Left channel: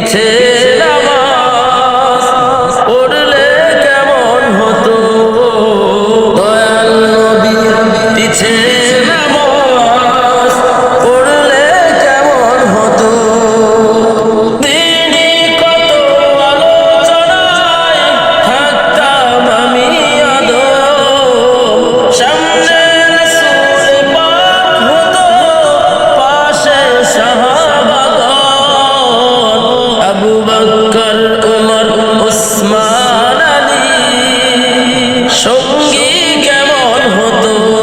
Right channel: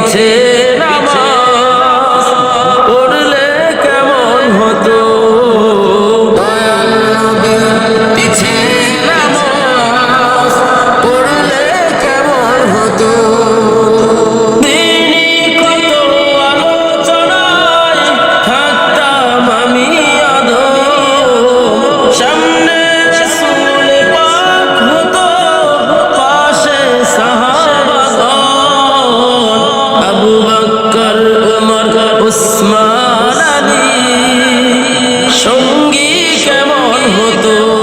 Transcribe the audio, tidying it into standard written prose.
পিছে নামাজ পড়লে কেমন হতো, দয়াল নবীর পিছে নামাজ পড়লে কেমন হতো। দিনই কত আলোচনায় থাকতাম আমি আদম, সামনে রাসূল পাক হতো, পাশে সাহাবাগণ, আবু বকর উমর উসমান আলী, সঙ্গী কেমন হতো।